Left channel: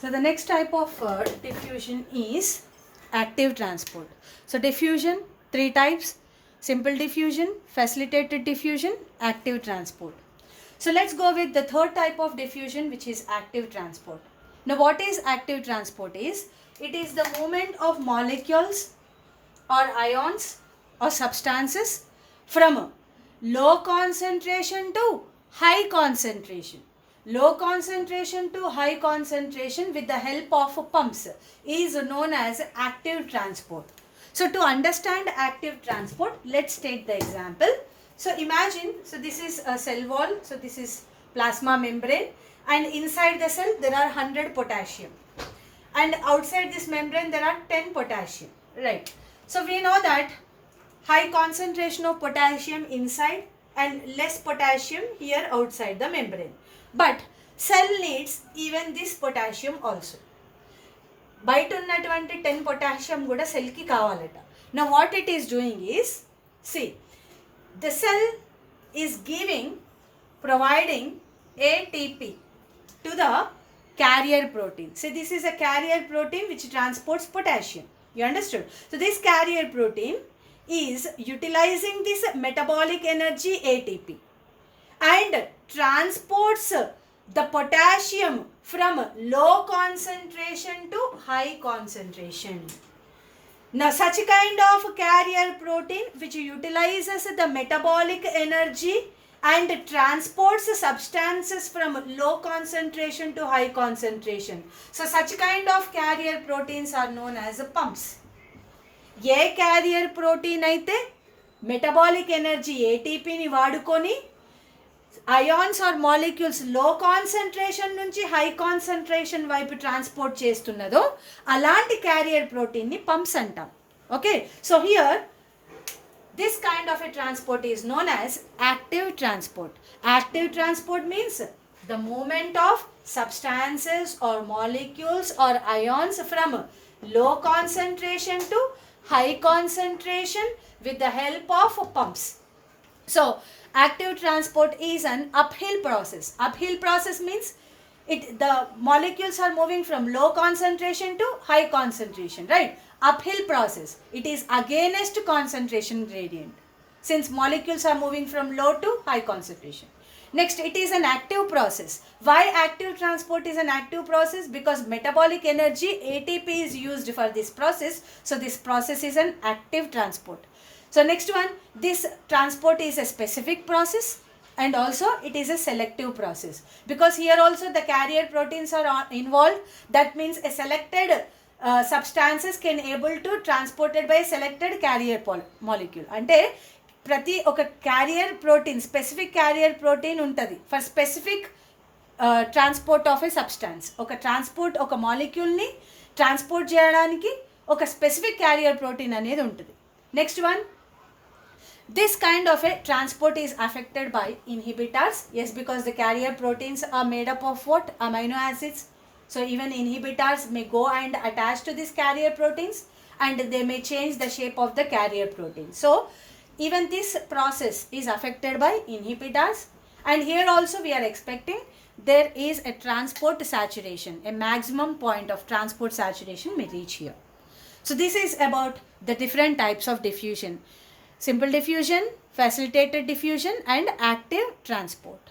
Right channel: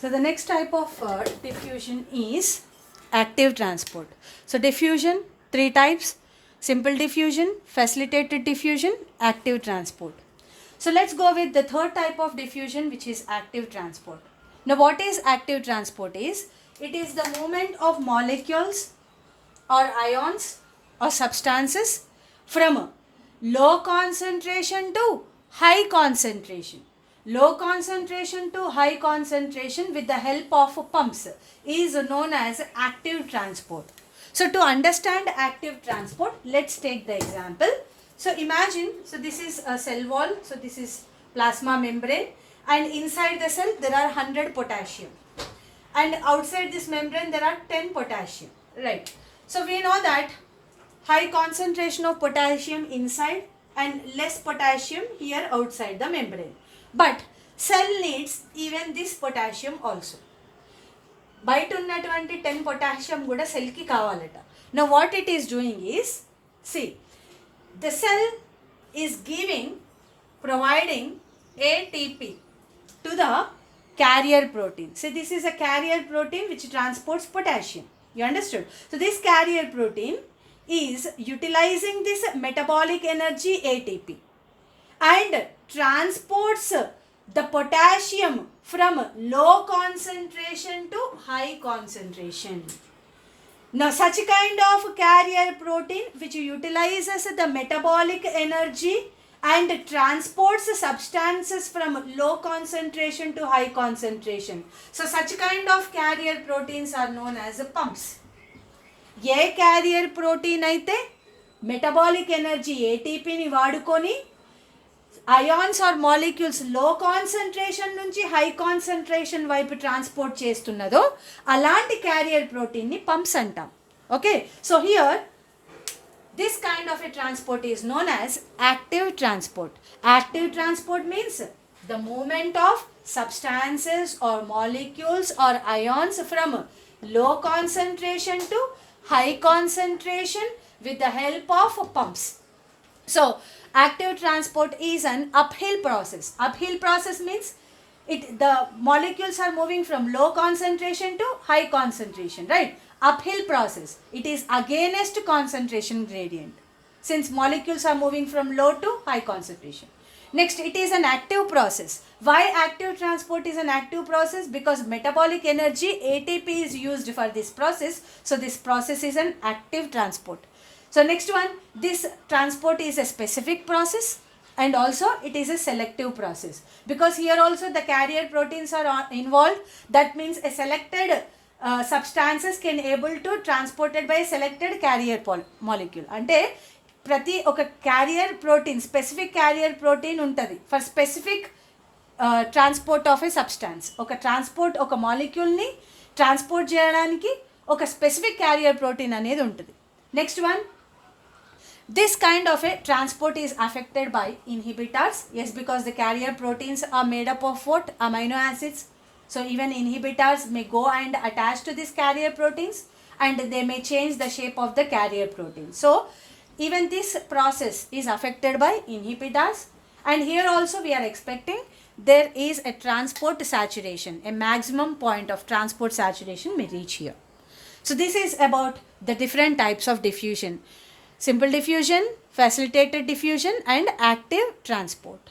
So the next type of diffusion is active transport. So diffusion, three types: simple diffusion, facilitated diffusion, active transport. So let's go with the third type of diffusion, which is active transport. Now what is active transport is, it is the movement of molecules or ions or substances from low concentration to high concentration. Low concentration to high concentration with the help of pumps is known as active transport. So to understand active transport, let's take the example. So imagine, so this is a cell wall, so this is plasma membrane, and inside the cell there are 100 potassium, and outside this membrane there are 10 potassium, right? So we know that high concentration of potassium inside and less potassium here outside the membrane. But cell needs even this potassium also. బయట ఉన్నటువంటి 10 potassium కూడా సెల్కి కావాలట. Now what it is doing is, see, the cell is providing ATP to the carrier protein. So this is a carrier protein which transports potassium. You understood? So this carrier protein is utilizing this metabolic energy ATP and transports the potassium from low concentration to high concentration. Now such kind of carrier protein which utilizes the metabolic energy and transports substances from low concentration to high concentration. So such kind of carrier proteins are known as pumps. A carrier protein అయితే metabolic energy ఏటీపీని వాడుకొని ions are molecules లో concentration నుంచి high concentration వైపు transport చేస్తున్నదో అలాంటి carrier ప్రోటీన్ని pumps అంటాం. Okay, so here this kind of a transport is known as active transport. Active transport means the movement of substances or molecules or ions from low concentration to high concentration with the help of pumps. So active transport is an uphill process. Uphill process means the molecules are moving from low concentration to high concentration, right? Uphill process. It is against concentration gradient, since molecules are moving from low to high concentration. Next, it is an active process. Why active transport is an active process? Because metabolic energy ATP is used for this process. So this process is an active transport. So next one, this transport is a specific process and also it is a selective process, because here also the carrier proteins are involved. That means a selected substances can able to transported by selected carrier molecule. అంటే ప్రతి ఒక carrier protein, specific carrier protein ఉంటుంది for specific transport of a substance. ఒక మాలిక్యూల్ని transport చేయడానికి ఒక specific carrier protein అనేది ఉంటుంది. Next one, this kind of a transport is affected by inhibitors. Yes, because the carrier proteins are made up of what? Amino acids. So even inhibitors may go and attach to these carrier proteins and they may change the shape of the carrier protein. So even this process is affected by inhibitors. And here also we are expecting there is a transport saturation. A maximum point of transport saturation may reach here. So this is about the different types of diffusion: simple diffusion, facilitated diffusion and active transport.